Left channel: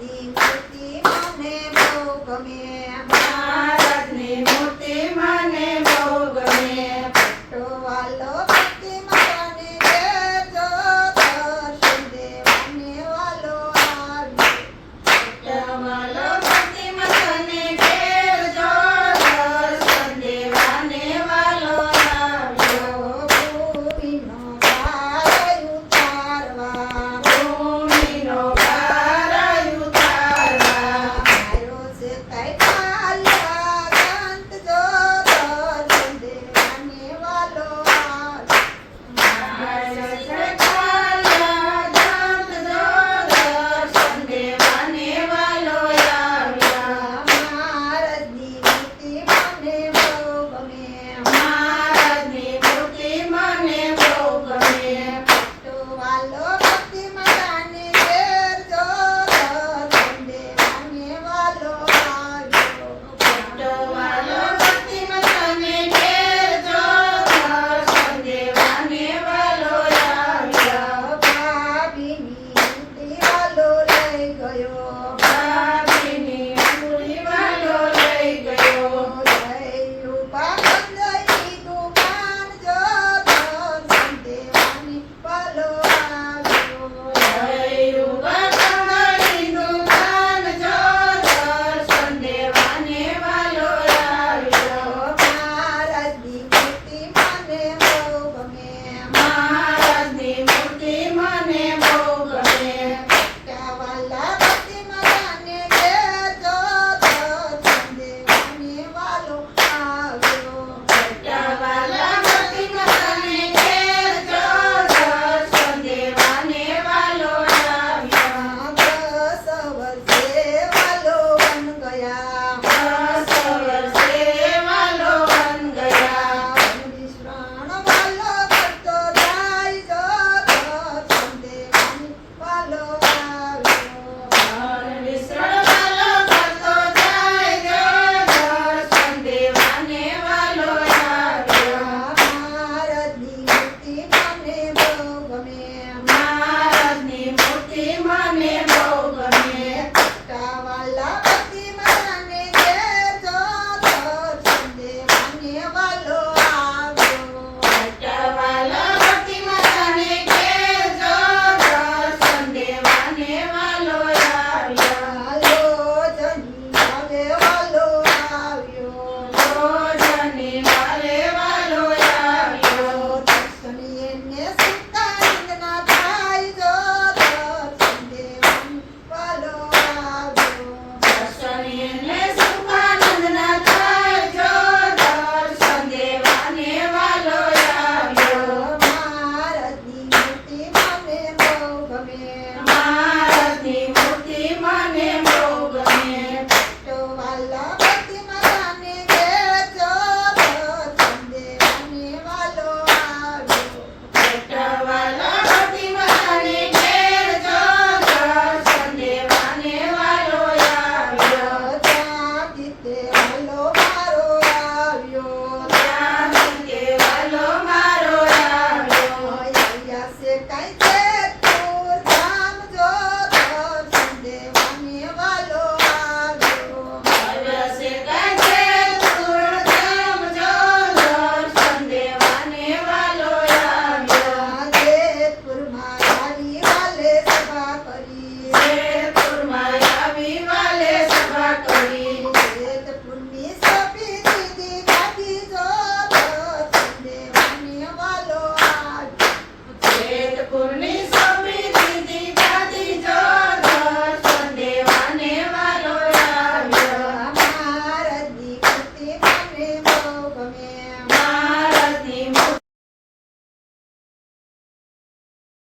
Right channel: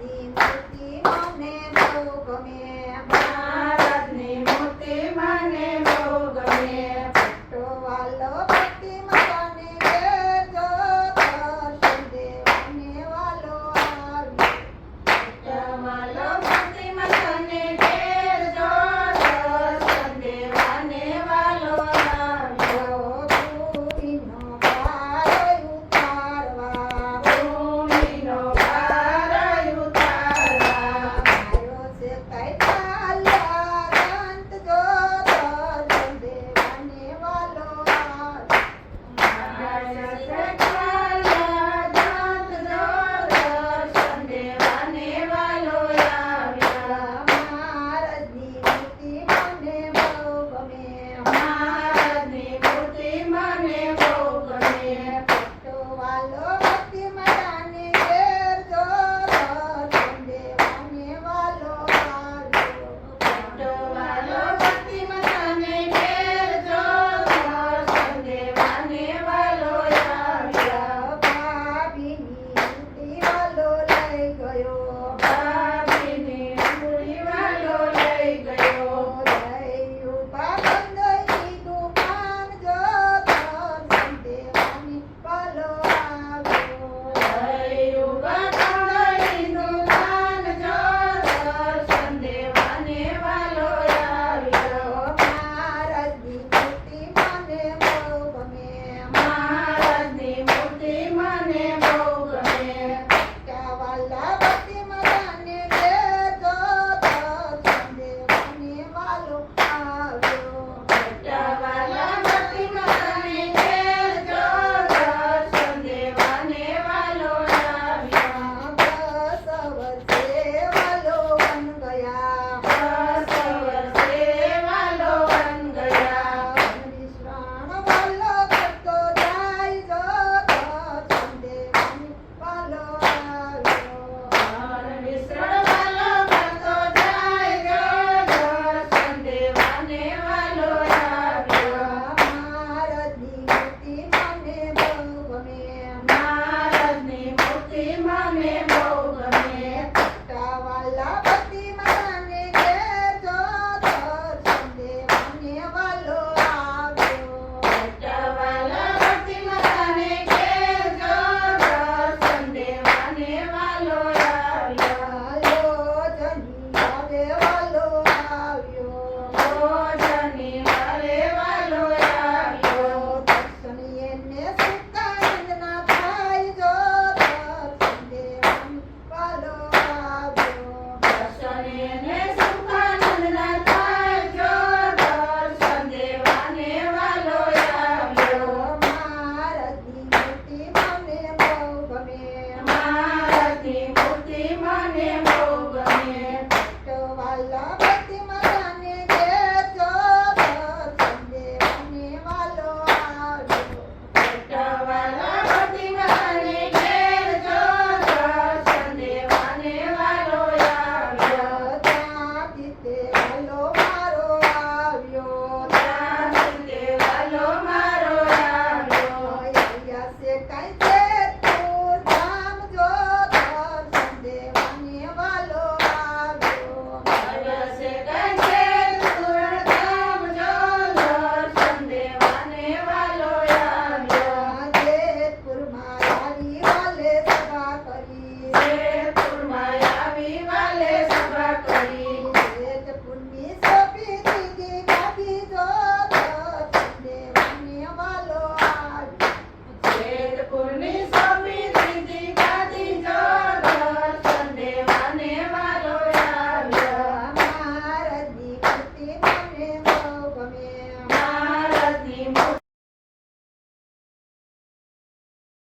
મૂર્તિ મને બહુ ગમે. birthday, my